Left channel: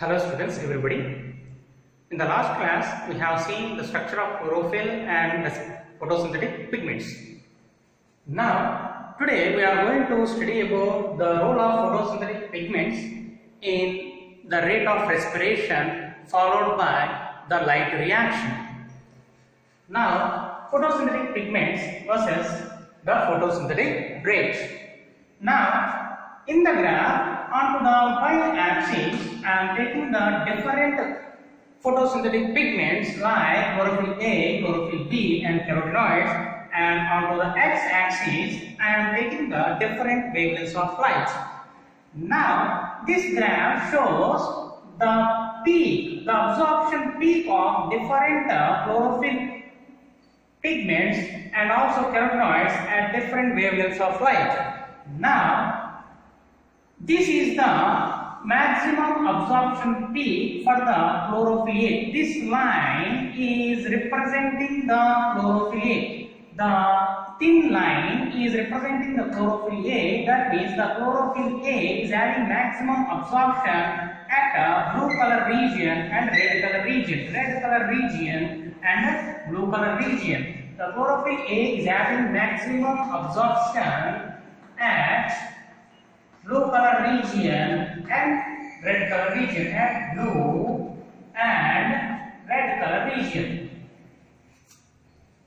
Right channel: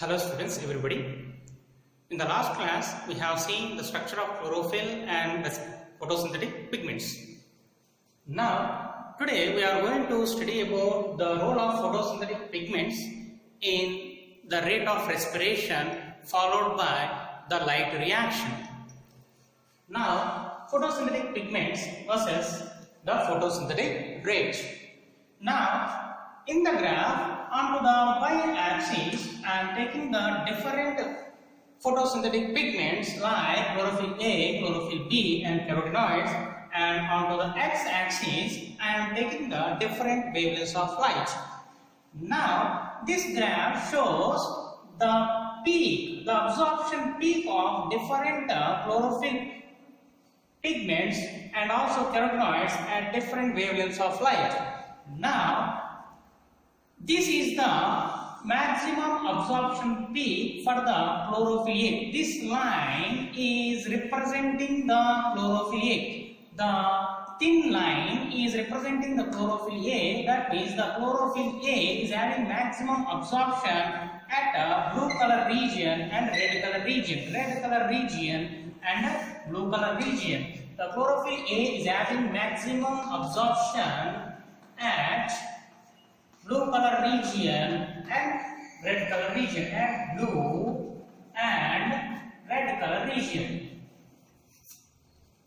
Hello students, everybody. In the last class, we have seen the structure of chlorophyll and the photosynthetic pigments. Now, today we are going to study about the role of photosynthetic pigments in the rate of respiration followed by the light reaction. Now, photosynthetic pigments versus the photosynthetic rate. Now, in the graph, onto the y-axis, I am taking the different photosynthetic pigments like chlorophyll A, chlorophyll B and carotenoids, and onto the x-axis, I am taking the different wavelengths of light. Now, this graph shows the peak, the absorption peak of different chlorophyll pigments and also carotenoids at different wavelengths of light. Now, this is the maximum absorption peak for the chlorophyll A. This line is representing the chlorophyll A. The thin line is representing the chlorophyll A. That means the chlorophyll A is having maximum absorption at a blue color region and red color region. Red color region and blue color region. The chlorophyll A is having maximum absorption at blue color region and red color region, and blue and red color region.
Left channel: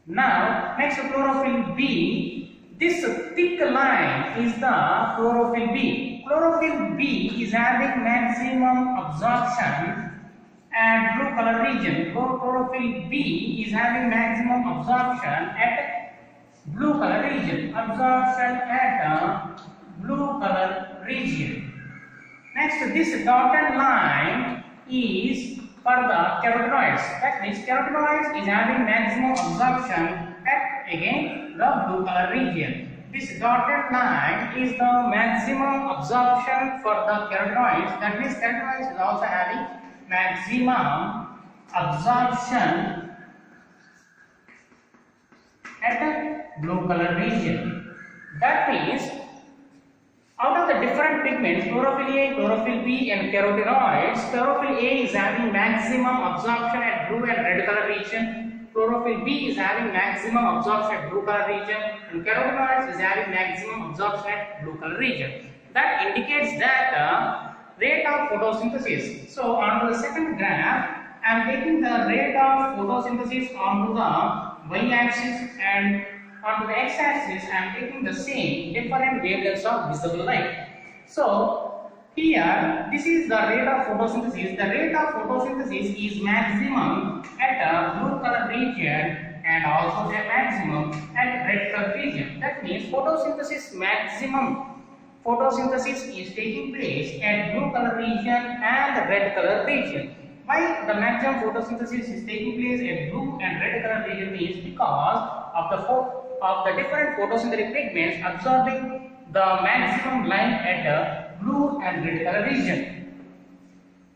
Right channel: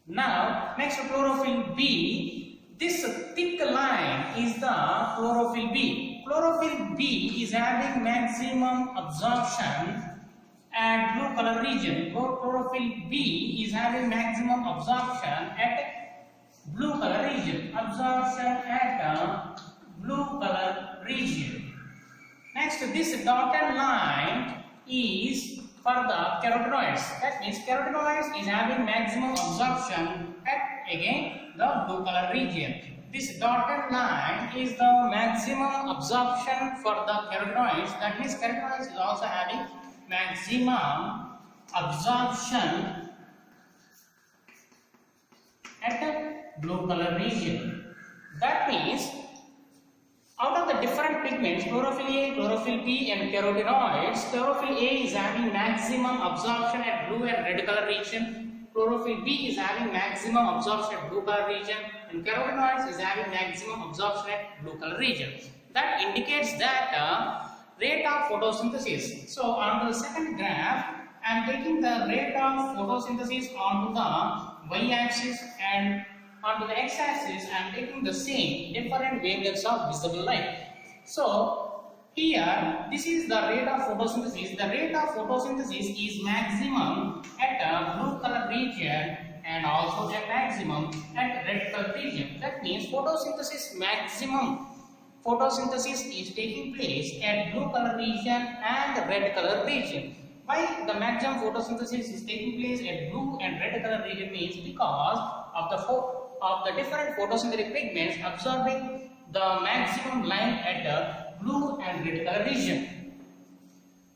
Now, next chlorophyll B. This thick line is the chlorophyll B. Chlorophyll B is having maximum absorption at blue color region. Chlorophyll B is having maximum absorption at blue color region. Absorption at blue color region. Next, this dotted line is for the carotenoids. That means carotenoids is having maximum absorption at again the blue color region. This dotted line is the maximum absorption for the carotenoids. That means carotenoids is also having maximum absorption at the blue color region. That means out of the different pigments, chlorophyll A, chlorophyll B and carotenoids, chlorophyll A is having maximum absorption at blue and red color region, chlorophyll B is having maximum absorption at blue color region, and carotenoids is having maximum absorption at blue color region. That indicates that rate of photosynthesis. So, on to the second graph, I am taking the rate of photosynthesis onto the y-axis, and onto the x-axis I am taking the same different wavelengths of visible light. So here this is the rate of photosynthesis. The rate of photosynthesis is maximum at a blue color region and also the maximum at red color region. That means photosynthesis is taking place at blue color region and red color region. Why the maximum photosynthesis is taking place at blue and red color region means because of the different photosynthetic pigments absorbing the maximum light at the blue and red color region.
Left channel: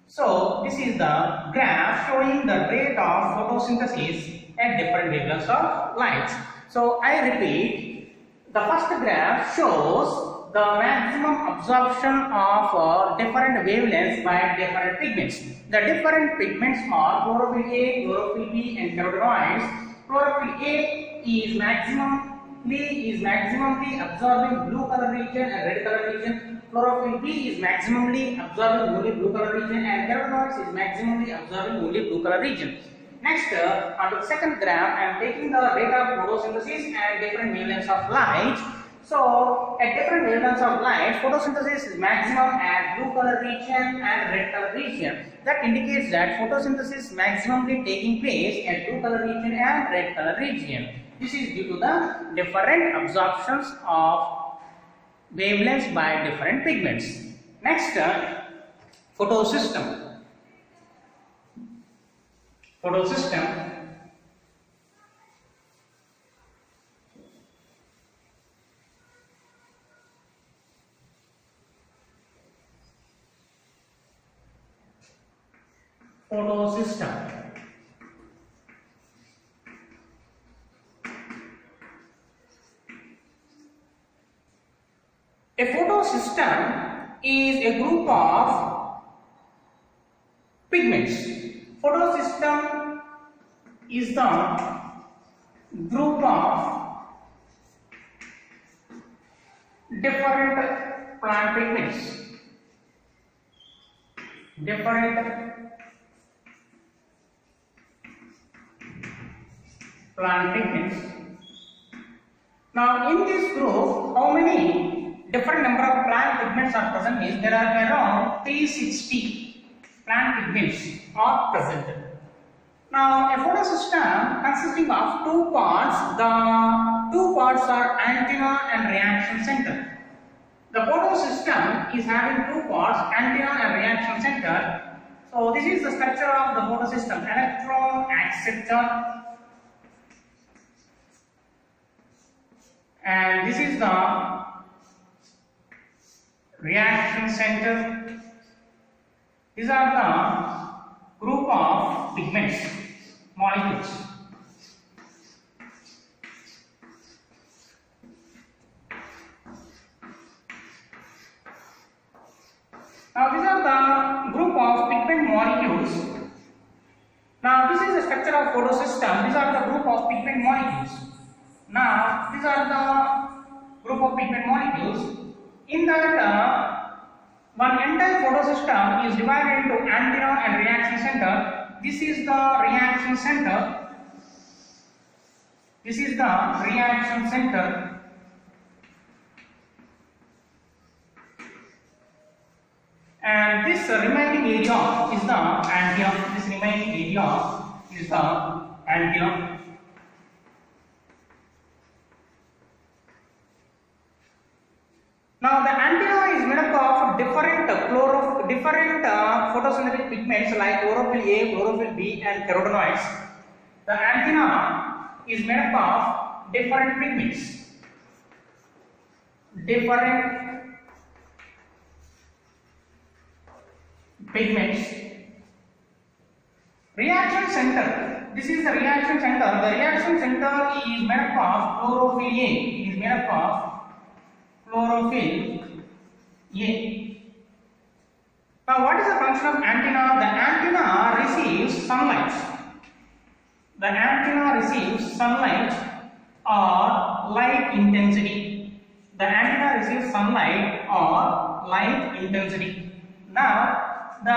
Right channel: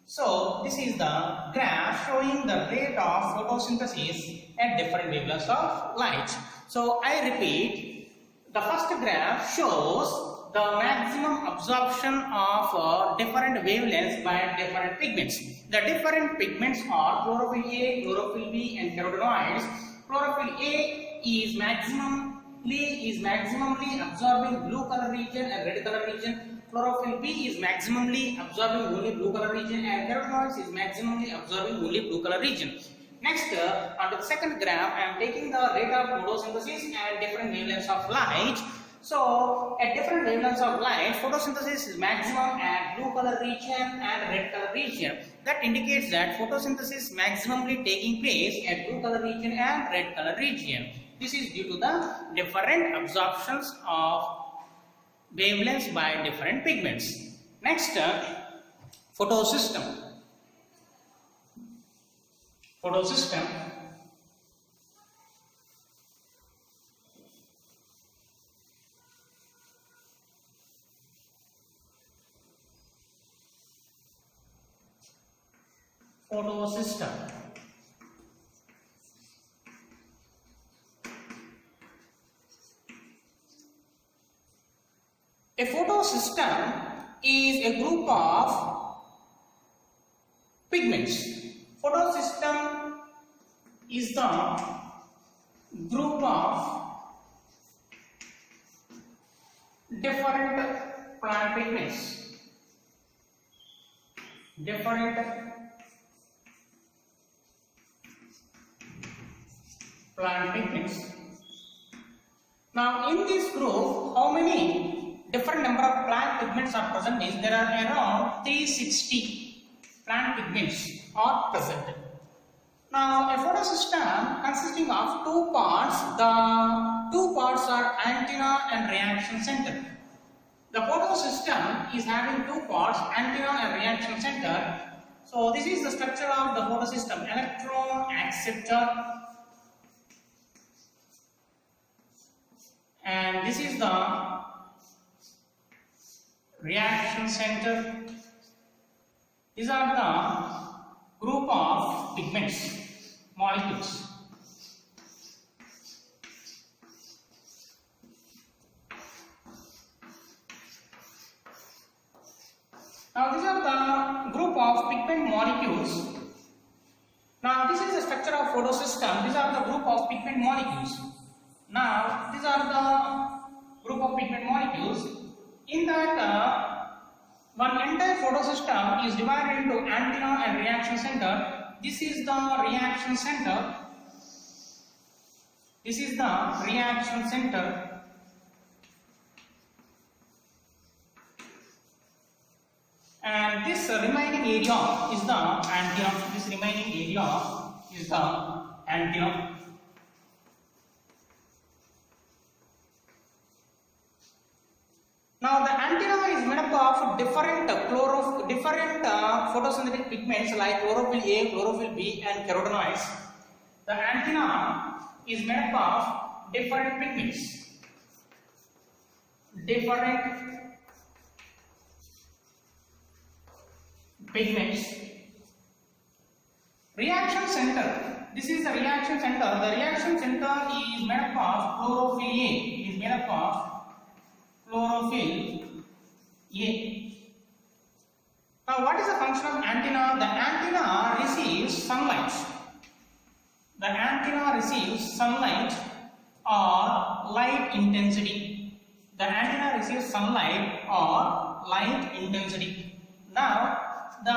So this is the graph showing the rate of photosynthesis at different wavelengths of light. So I repeat, the first graph shows the maximum absorption of different wavelengths by different pigments. The different pigments are chlorophyll A, chlorophyll B and carotenoids. Chlorophyll A is maximally absorbing blue color region and red color region. Chlorophyll B is maximally absorbing only blue color region, and carotenoids is maximally absorbing only blue color region. Next, onto the second graph, I am taking the rate of photosynthesis and different wavelengths of light. So, at different wavelengths of light, photosynthesis is maximum at blue color region and red color region. That indicates that photosynthesis is maximally taking place at blue color region and red color region. This is due to the different absorptions of wavelengths by different pigments. Next, photosystem. Photosystem. A photosystem is a group of pigments. Photosystem is the group of different plant pigments. Different plant pigments. Now in this group, how many different number of plant pigments are present is there are around 360 plant pigments are present. Now a photosystem consisting of two parts, the two parts are antenna and reaction center. The photosystem is having two parts, antenna and reaction center. So this is the structure of the photosystem: electron acceptor, and this is the reaction center. These are the group of pigments, molecules. Now these are the group of pigment molecules. Now this is the structure of photosystem. These are the group of pigment molecules. Now these are the group of pigment molecules. In that one entire photosystem is divided into antenna and reaction center. This is the reaction center. This is the reaction center. And this remaining area is the antenna. This remaining area is the antenna. Now the antenna is made up of different photosynthetic pigments like chlorophyll A, chlorophyll B, and carotenoids. The antenna is made up of different pigments. Reaction center. This is the reaction center. The reaction center is made up of chlorophyll A. Is made up of chlorophyll A. Now, what is the function of antenna? The antenna receives sunlight. The antenna receives sunlight or light intensity. The antenna receives sunlight or light intensity. Now, the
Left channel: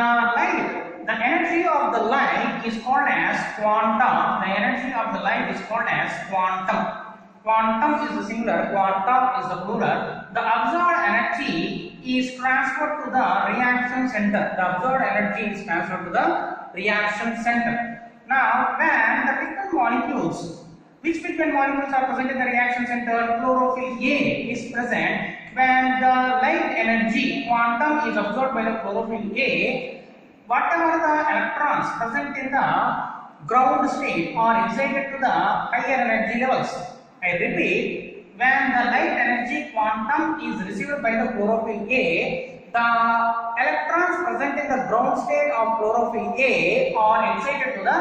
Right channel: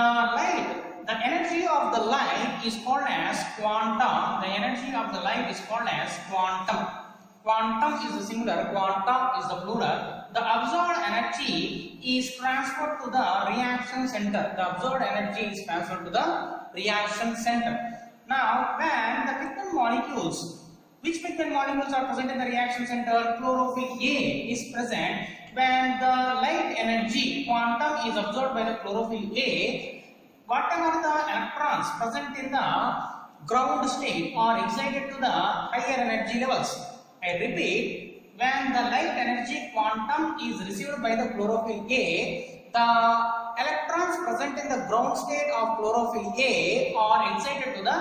energy of the light is called as quantum. The energy of the light is called as quantum. Quantum is the singular, quanta is the plural. The absorbed energy is transferred to the reaction center. The absorbed energy is transferred to the reaction center. Now, when the pigment molecules, which pigment molecules are present in the reaction center? Chlorophyll A is present. When the light energy quantum is absorbed by the chlorophyll A, whatever the electrons present in the ground state are excited to the higher energy levels. I repeat, when the light energy quantum is received by the chlorophyll A, the electrons present in the ground state of chlorophyll A are excited to the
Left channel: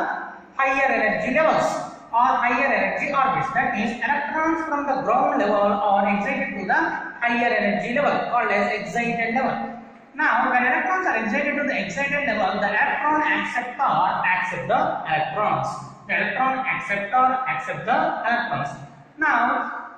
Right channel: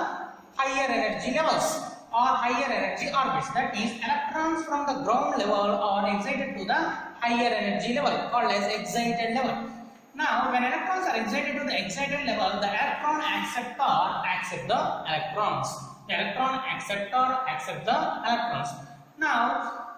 higher energy levels or higher energy orbits. That means electrons from the ground level are excited to the higher energy level called as excited level. Now, when electrons are excited to the excited level, the electron acceptor accepts the electrons. The electron acceptor accepts the electrons. Now,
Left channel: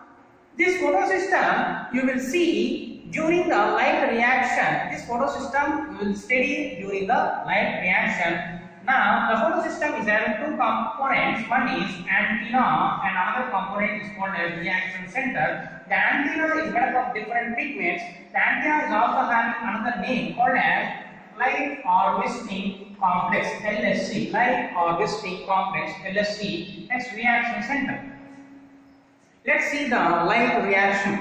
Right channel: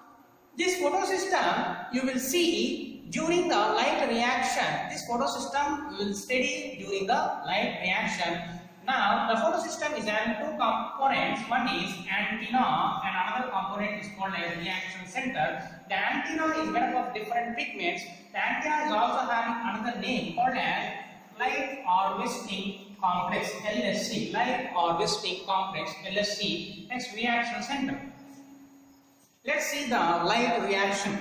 this photosystem you will see during the light reaction. This photosystem you will study during the light reaction. Now, the photosystem is having two components. One is antenna and another component is called as reaction center. The antenna is made up of different pigments. The antenna is also having another name called as light harvesting complex, LHC. Light harvesting complex, LHC. Next, reaction center. Let's see the light reaction.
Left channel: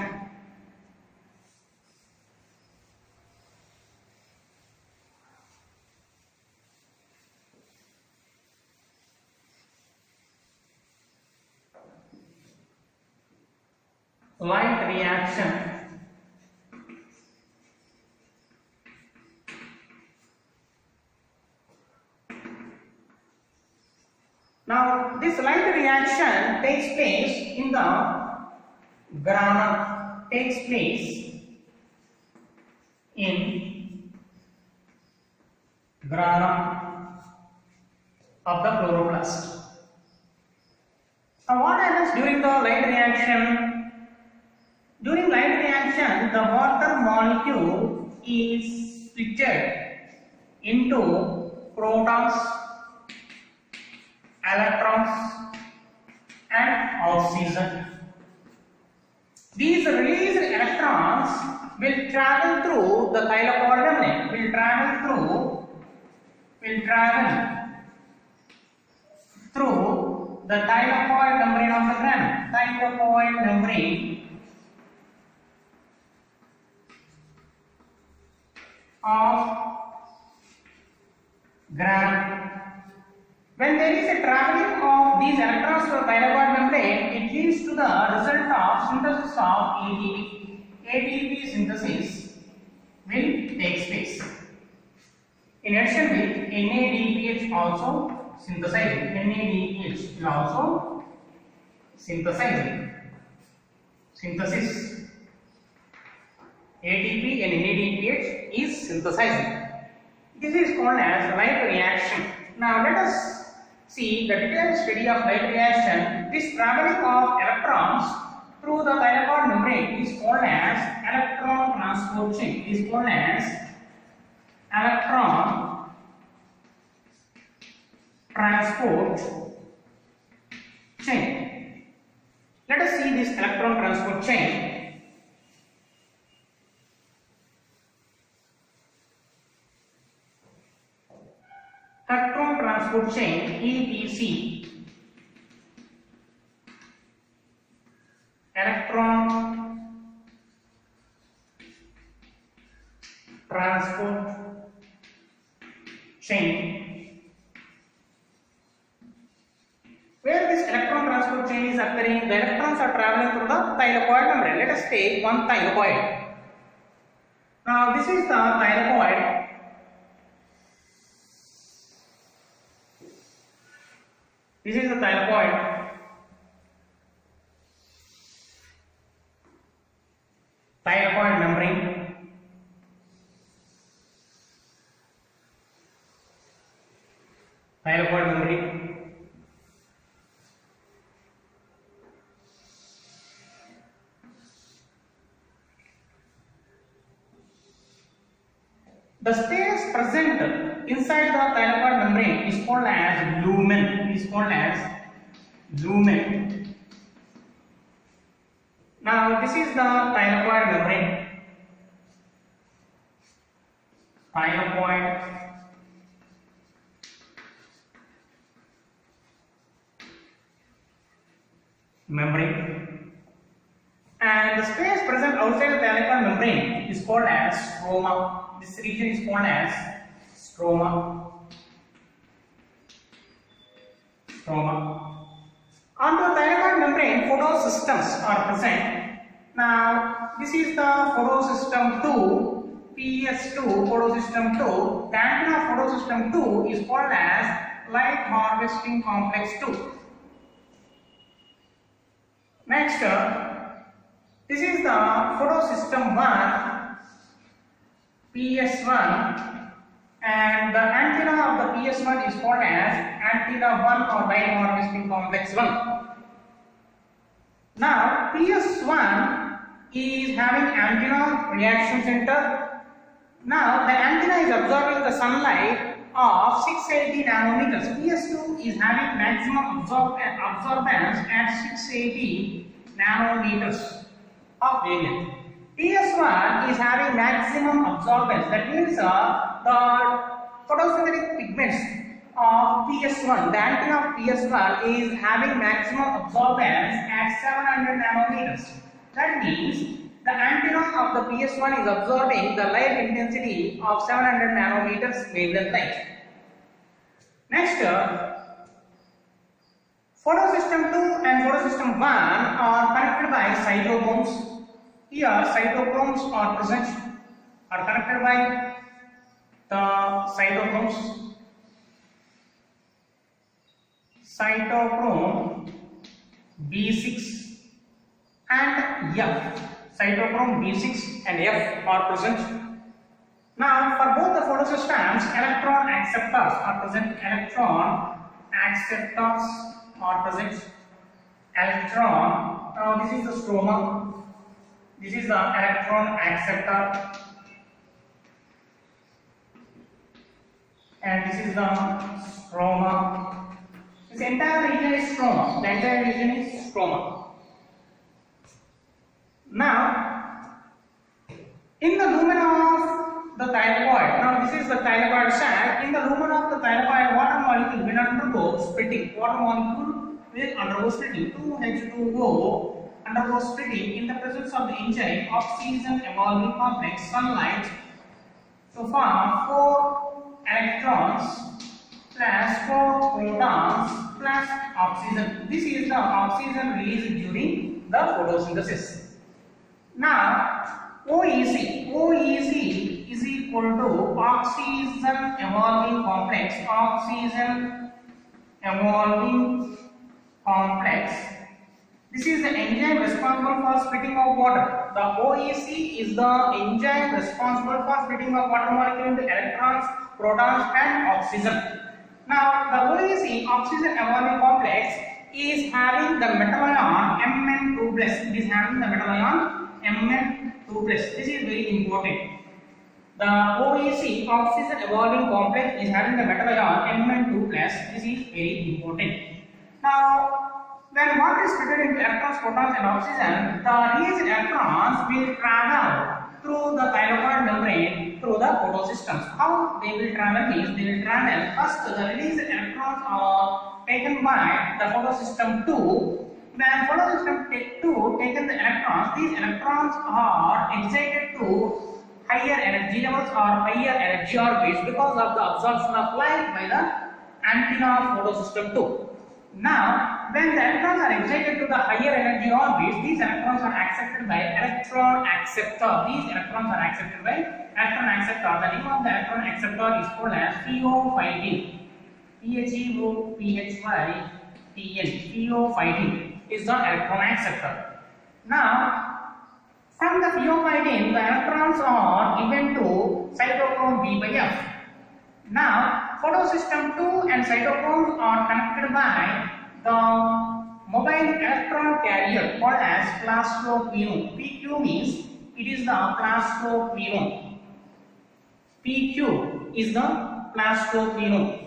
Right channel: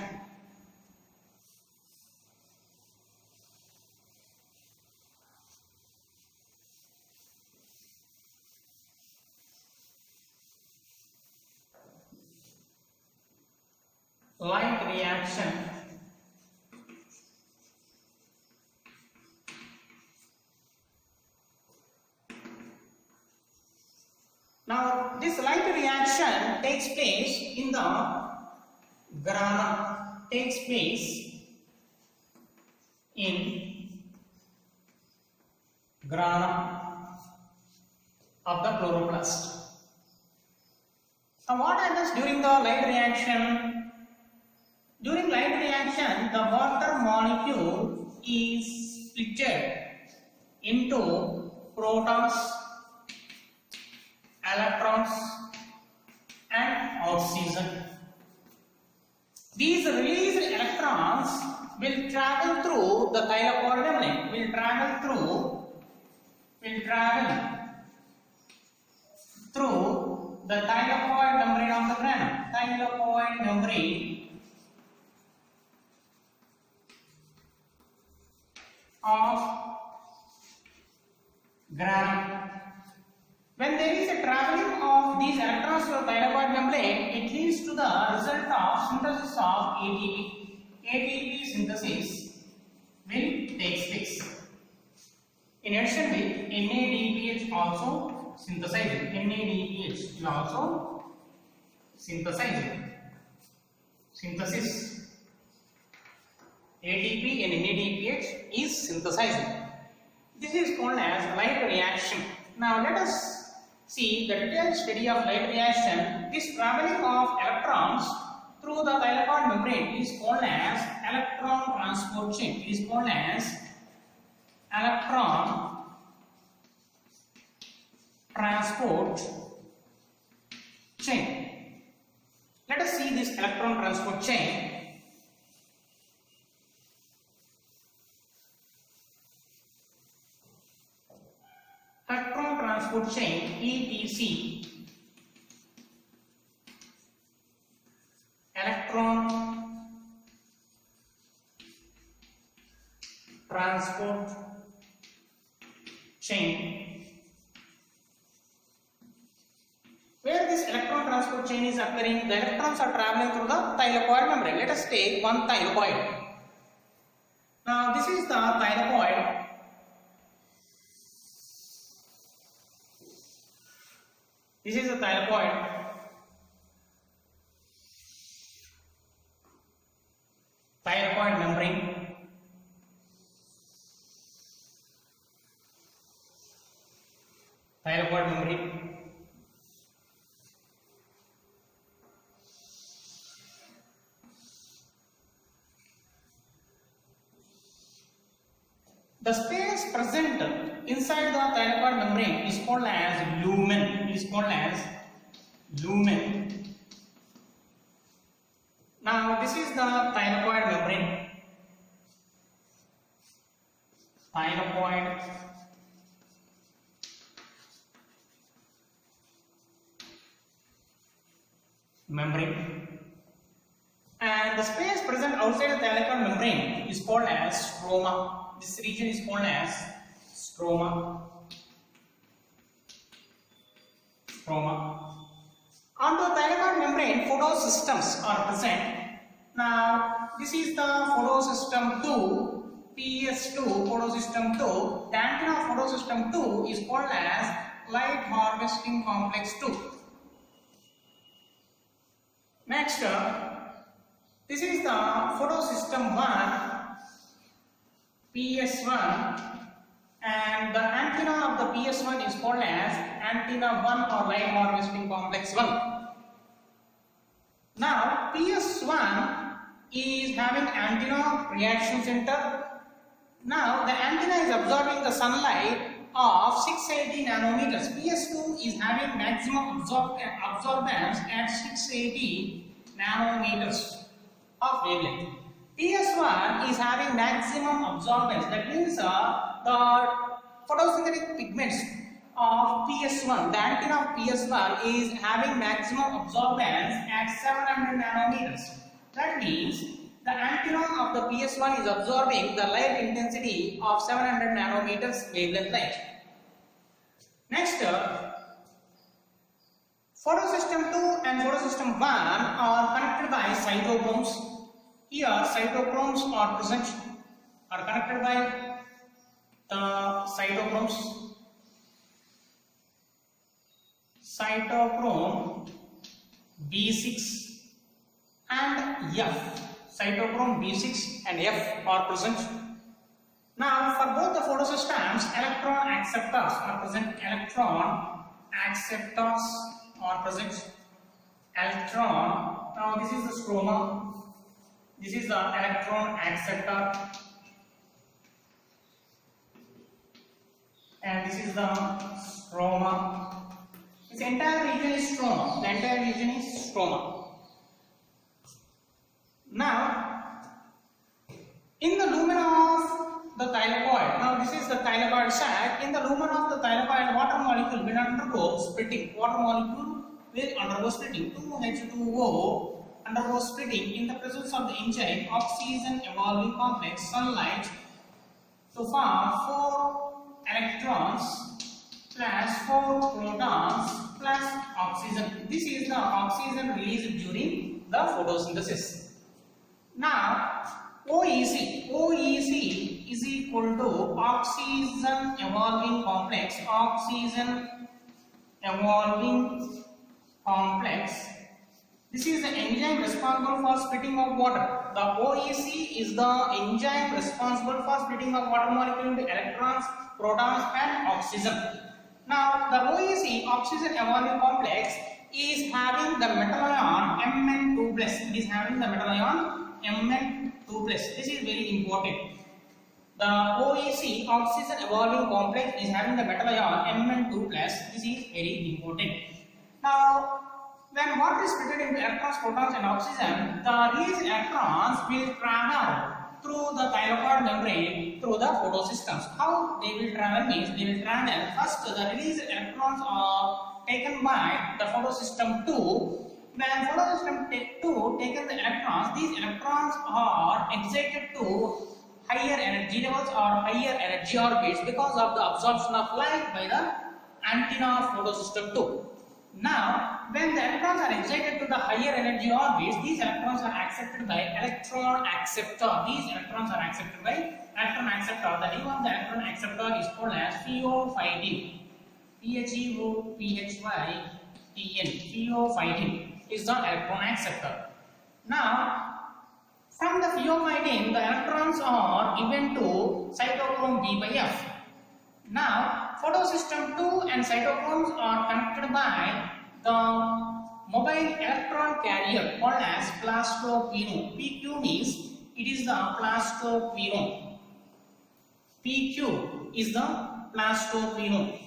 Light reaction. Now, this light reaction takes place in the grana. Takes place in grana. of the chloroplast. Now what happens during the light reaction? During light reaction, the water molecule is split into protons, electrons and oxygen. These released electrons will travel through the thylakoid membrane, will travel through the thylakoid membrane of the granule. Thylakoid membrane of granule. When there is a traveling of these electrons to the thylakoid membrane, it leads to the result of synthesis of ATP. ATP synthesis will take place. In addition with NADPH also synthesizing. NADPH is also synthesizing. Synthesis. ATP and NADPH is synthesizing. This is called as light reaction. Now let us see the detailed study of light reaction. This traveling of electrons through the thylakoid membrane is called as electron transport chain. It is called as electron transport chain. Let us see this electron transport chain. Electron transport chain ETC. Electron transport chain. Where this electron transport chain is occurring, the electrons are traveling through the thylakoid membrane. Let us take one thylakoid. Now this is the thylakoid. This is the thylakoid. Thylakoid membrane. Thylakoid membrane. The space present inside the thylakoid membrane is called as lumen. Is called as lumen. Now this is the thylakoid membrane. Thylakoid membrane. And the space present outside the thylakoid membrane is called as stroma. This region is called as stroma. Onto the thylakoid membrane, photosystems are present. Now, this is the photosystem 2, PS2, photosystem 2. The antenna of photosystem 2 is called as light harvesting complex 2. Next, this is the photosystem 1, PS1, and the antenna of the PS1 is called as antenna 1 or light harvesting complex 1. Now PS1 is having antenna reaction center. Now the antenna is absorbing the sunlight of 680 nanometers. PS2 is having maximum absorbance at 680 nanometers of wavelength. PS1 is having maximum absorbance. That means the photosynthetic pigments of PS1, the antenna of PS1 is having maximum absorbance at 700 nanometers. That means the antenna of the PS1 is absorbing the light intensity of 700 nanometers wavelength light. Next, photosystem 2 and photosystem 1 are connected by cytochromes. Here cytochromes are present, are connected by the cytochromes. Cytochrome B6 and F. Cytochrome B6 and F are present. Now for both the photosystems, electron acceptors are present. Electron acceptors are present. Electron. Now this is the stroma. This is the electron acceptor. And this is the stroma. This entire region is stroma. The entire region is stroma. Now, in the lumen of the thylakoid, now this is the thylakoid sac. In the lumen of the thylakoid, water molecule will undergo splitting. Water molecule will undergo splitting. 2H2O undergo splitting in the presence of the enzyme oxygen evolving complex sunlight to form 4 electrons plus 4 protons plus oxygen. This is the oxygen released during the photosynthesis. Now, OEC is equal to oxygen evolving complex. Oxygen evolving complex. This is the enzyme responsible for splitting of water. The OEC is the enzyme responsible for splitting of water molecule into electrons, protons and oxygen. Now the OEC, oxygen evolving complex, is having the metal ion Mn2+. It is having the metal ion Mn2+. This is very important. The OEC, oxygen evolving complex, is having the metal ion Mn2+. This is very important. Now when water is split into electrons, protons and oxygen, the released electrons will travel through the thylakoid membrane through the photosystems. How they will travel means they will travel first the released electrons are taken by the photosystem 2. When photosystem 2 taken the electrons, these electrons are excited to higher energy levels or higher energy orbits because of the absorption of light by the antenna of photosystem 2. Now, when the electrons are excited to the higher energy orbits, these electrons are accepted by electron acceptor. These electrons are accepted by electron acceptor. The name of the electron acceptor is called as pheophytin. PHEOPHYTN. Pheophytin is the electron acceptor. Now, from the pheophytin, the electrons are given to cytochrome B by F. Now, photosystem 2 and cytochromes are connected by the mobile electron carrier called as plastophenone. PQ means it is the plastophenone. PQ is the plastophenone.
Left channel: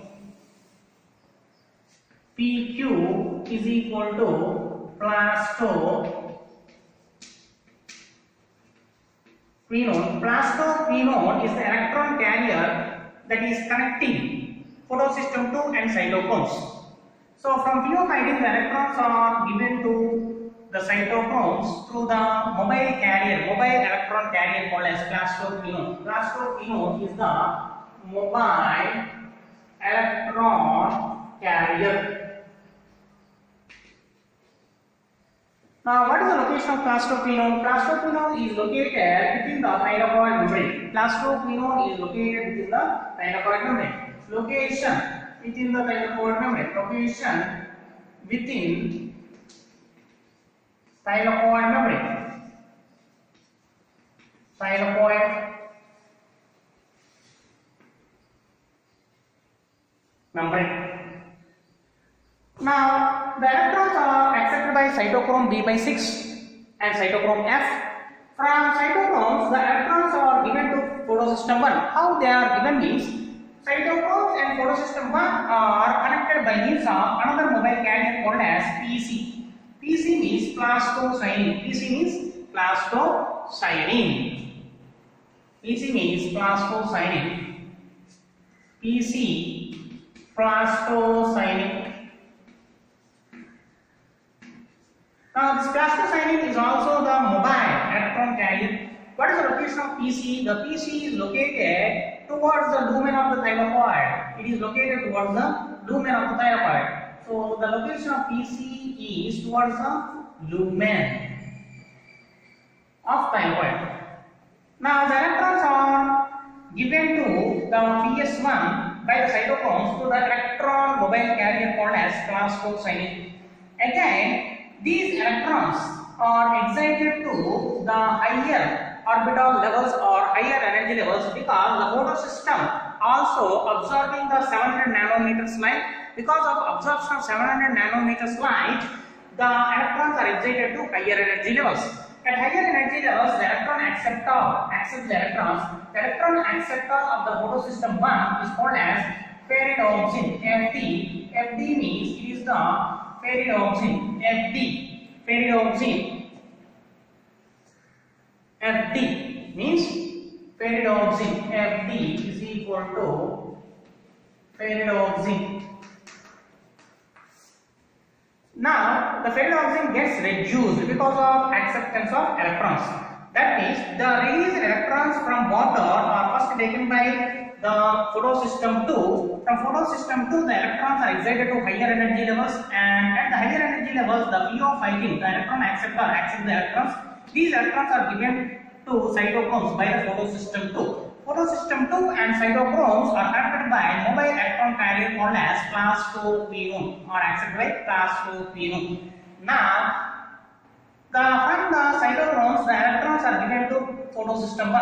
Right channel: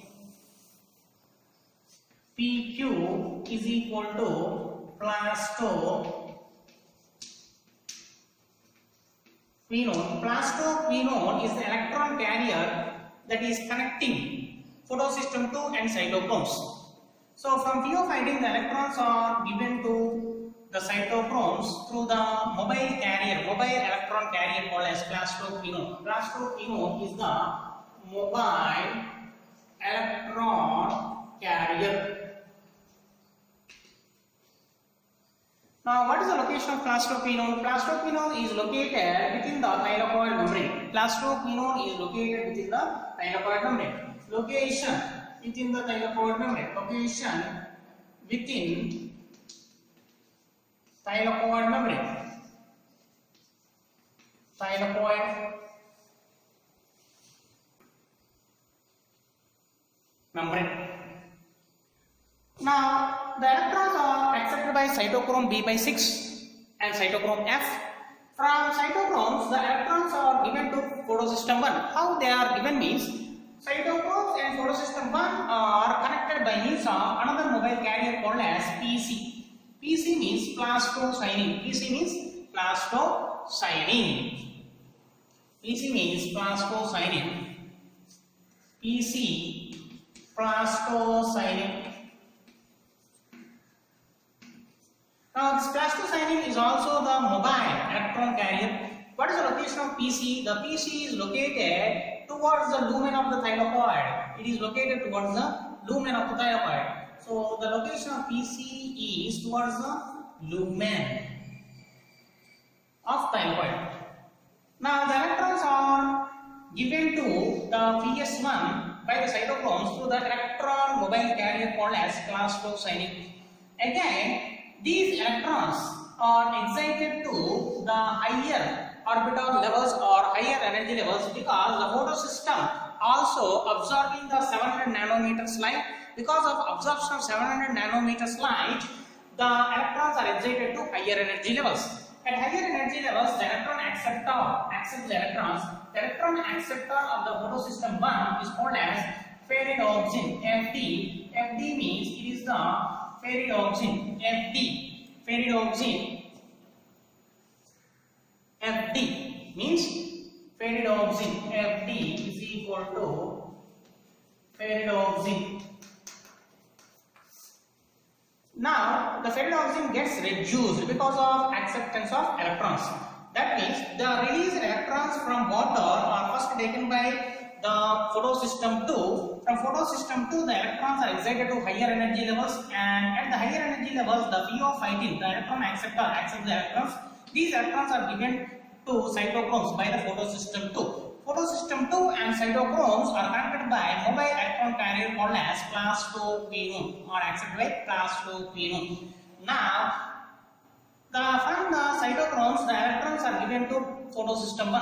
PQ is equal to plastophenone. Plastophenone is the electron carrier that is connecting photosystem 2 and cytochromes. So from pheophytin, the electrons are given to the cytochromes through the mobile electron carrier called as plastophenone. Plastophenone is the mobile electron carrier. Now, what is the location of plastophenone? Plastophenone is located within the thylakoid membrane. Plastophenone is located within the thylakoid membrane. Location within the thylakoid membrane. Location within thylakoid membrane. Thylakoid membrane. Now, the electrons are accepted by cytochrome B by 6 and cytochrome F. From cytochromes, the electrons are given to photosystem 1. How they are given means, cytochromes and photosystem 1 are connected by means of another mobile carrier called as PC. PC means plastocyanin. PC means plastocyanin. PC means plastocyanin. PC plastocyanin. Now, this plastocyanin is also the mobile electron carrier. What is the location of PC? The PC is located towards the lumen of the thylakoid. It is located towards the lumen of the thylakoid. So, the location of PC is towards the lumen of thylakoid. Now, the electrons are given to the PS1 by the cytochromes to the electron mobile carrier called as plastocyanin. Again, these electrons are excited to the higher orbital levels or higher energy levels because the photosystem also absorbing the 700 nanometers light because of absorption of 700 nanometers light, the electrons are excited to higher energy levels. At higher energy levels, the electron accepts the electrons. The electron acceptor of the photosystem 1 is called as ferridoxin, FD. FD means it is the ferridoxin, FD. Ferridoxin, FD means ferridoxin, FD is equal to ferridoxin. Now, the ferridoxin gets reduced because of acceptance of electrons. That means the released electrons from water are first taken by the photosystem 2. From photosystem 2, the electrons are excited to higher energy levels, and at the higher energy levels, the phosphorin, the electron acceptor, accepts the electrons. These electrons are given to cytochromes by the photosystem 2. Photosystem 2 and cytochromes are connected by mobile electron carrier called as class 2 phenol, or accepted by class 2 phenol. Now, from the cytochromes, the electrons are given to photosystem 1.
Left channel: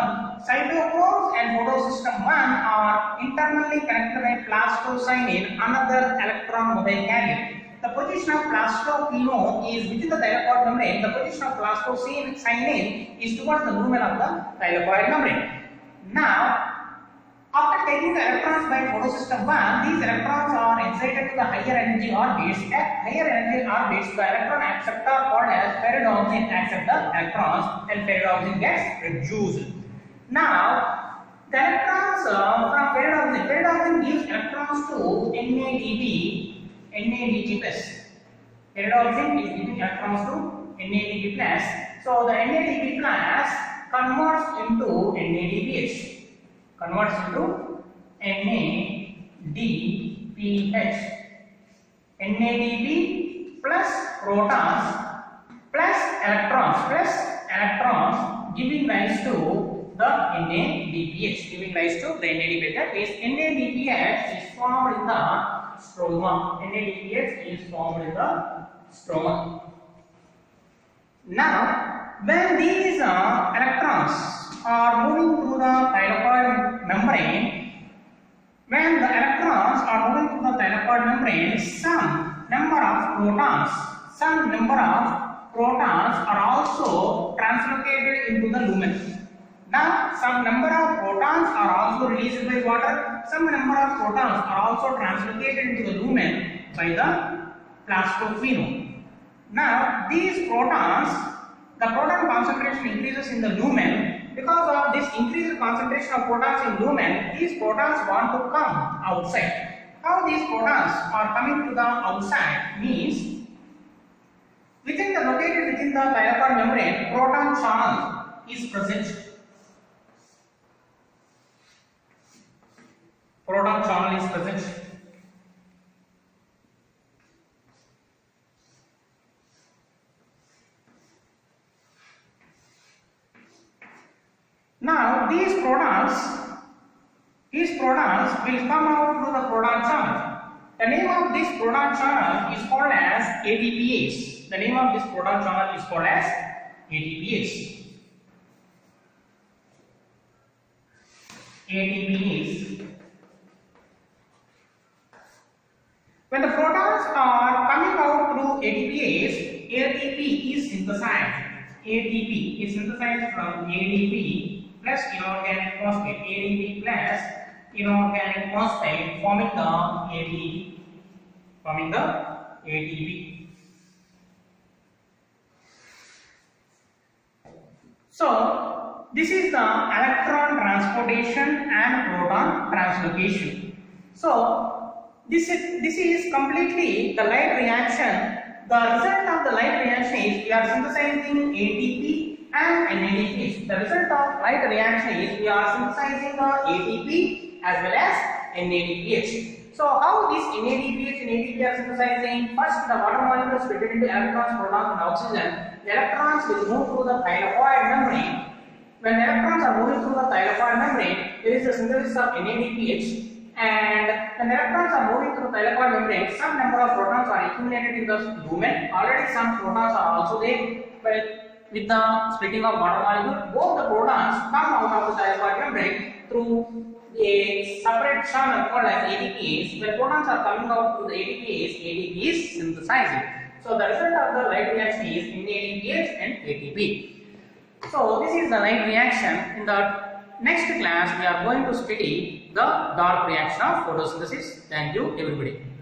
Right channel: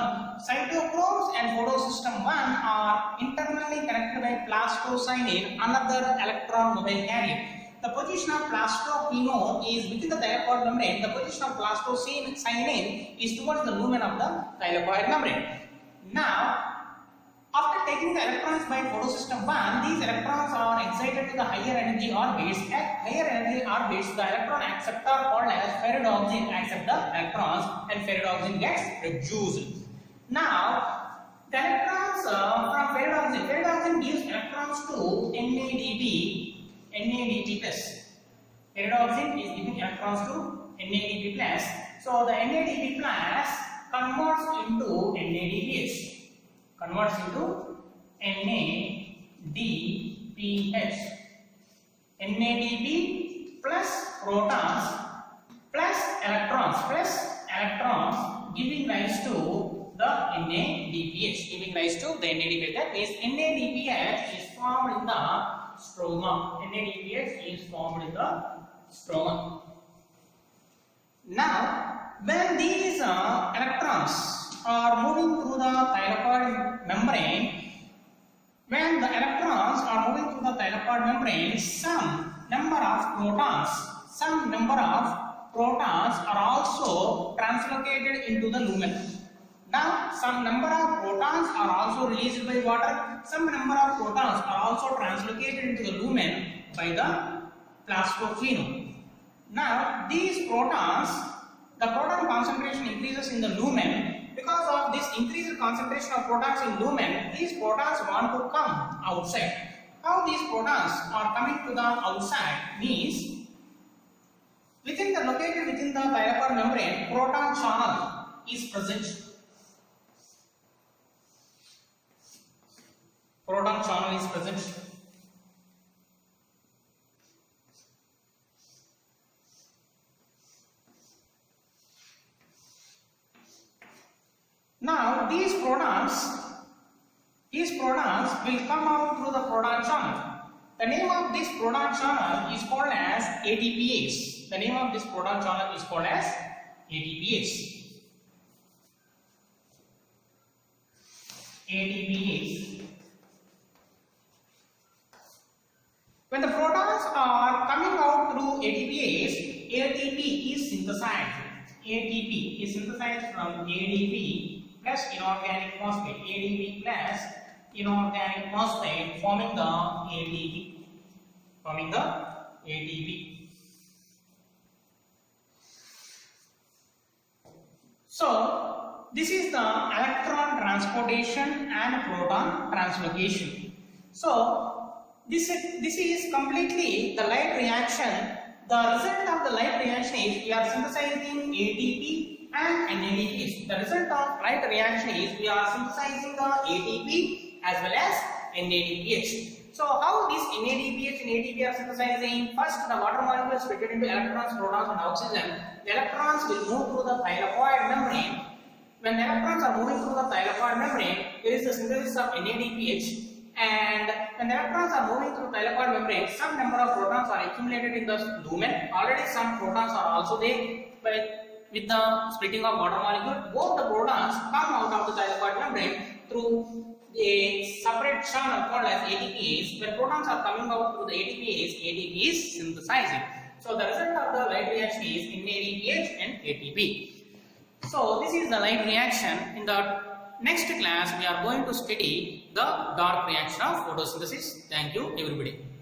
Cytochromes and photosystem 1 are internally connected by plastocyanin, another electron mobile carrier. The position of plastophenol is within the thylakoid membrane. The position of plastocyanin is towards the lumen of the thylakoid membrane. Now, after taking the electrons by photosystem 1, these electrons are excited to the higher energy orbits. At higher energy orbits, the electron acceptor called as ferridoxin accepts the electrons, and ferridoxin gets reduced. Now, the electrons from ferridoxin gives electrons to NADP plus. Ferridoxin is giving electrons to NADP plus. So the NADP plus converts into NADPH. Converts into NADPH. NADP plus protons plus electrons giving rise to the NADPH. Giving rise to the NADPH. That means NADPH is formed in the stroma. NADPH is formed in the stroma. Now, when these electrons are moving through the thylakoid membrane, some number of protons are also translocated into the lumen. Now, some number of protons are also released by water. Some number of protons are also translocated into the lumen by the plastophenol. Now, these protons, the proton concentration increases in the lumen. Because of this increased concentration of protons in lumen, these protons want to come outside. How these protons are coming to the outside means, located within the thylakoid membrane, proton channel is present. Proton channel is present. Now these protons will come out through the proton channel. The name of this proton channel is called as ATPase. The name of this proton channel is called as ATPase. ATPase. When the protons are coming out through ATPase, ATP is synthesized. ATP is synthesized from ADP plus inorganic phosphate. ADP plus inorganic phosphate forming the ATP. Forming the ATP. So this is the electron transportation and proton translocation. So this is completely the light reaction. The result of the light reaction is we are synthesizing ATP and NADPH. The result of light reaction is we are synthesizing the ATP as well as NADPH. So how this NADPH and ATP are synthesizing? First, the water molecules split into electrons, protons and oxygen. The electrons will move through the thylakoid membrane. When the electrons are moving through the thylakoid membrane, there is the synthesis of NADPH. And when the electrons are moving through the thylakoid membrane, some number of protons are accumulated in the lumen. Already some protons are also there, but with the splitting of water molecule, both the protons come out of the thylakoid membrane through a separate channel called as ATPase. When protons are coming out through the ATPase, ATP is synthesizing. So the result of the light reaction is NADPH and ATP. So this is the light reaction. In the next class we are going to study the dark reaction of photosynthesis. Thank you everybody.